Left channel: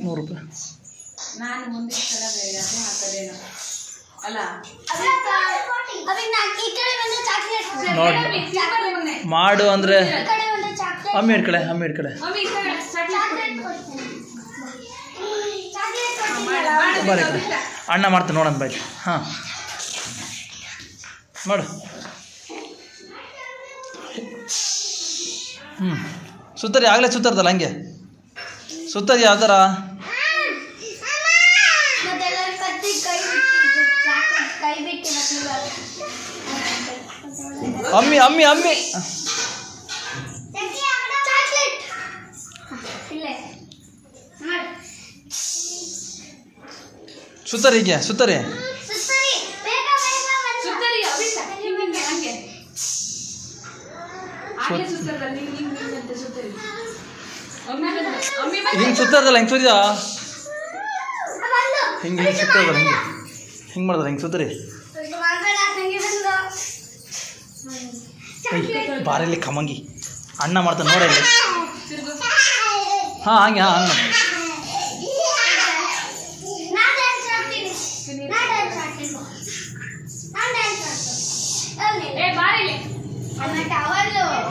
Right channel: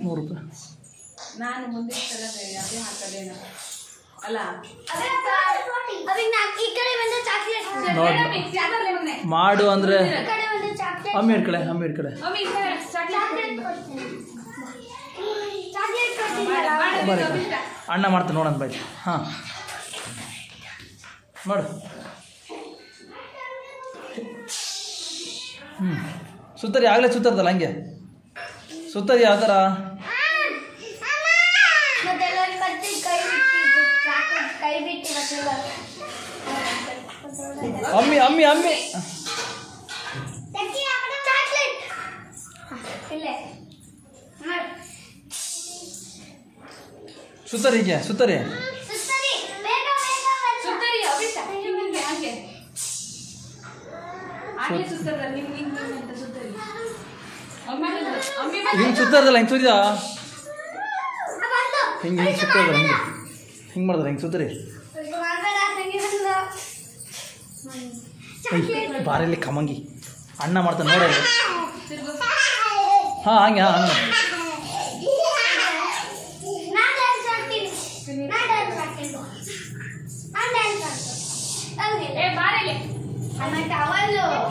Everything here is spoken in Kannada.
100 ರೂಪಾಯಿ. ನಾನು ಮುಂದಿನ ಸಲ ಬೇರೆ ಅದು ಹಾಕೋದೇನು ಅಲ್ಲ ನೋಡಿ ಮಾಡು ಅಂದರೆ ಅಮ್ಮಿ ಹಿಡ್ಕಡೆ ಬರೀ ಅಣ್ಣ ಮಾಡ್ತಾನೆ ನೋಡೋಣ ಬೈ. ಹಾಂ ಮಾಡು. ಸುತ್ತರಿ ಆಗಲೇ ಸುತ್ತರ್ದಲ್ಲ ಹಂಗೆ ಸುತ್ತರಿ ಯಾವ ಥರ ಅಮ್ಮಿ ಅಮ್ಮಿ ಅಮ್ಮಿ ಸುತ್ತರಿ ಹೀಗೆ ಸುತ್ತರಿ ಹಿಂಗೆ ಸುತ್ತರ್ದಲ್ಲ ಹಿಂಗೆ ಸುತ್ತಿದ ಹಿಂಗೆ ಸುತ್ತರ್ದಲ್ಲ ಹಿಂಗೆ ಮಾಡಿದ್ರೆ ಹಿಂಗೆ ಸುತ್ತರಿ ಬಾರಲ್ಲಿ ಕಮಂಗಿ ಅಣ್ಣ ಮಾಡ್ತಾನೆ ನೋಡಿ ಹಾಂ ಹಂಗೆ ಹಂಗೆ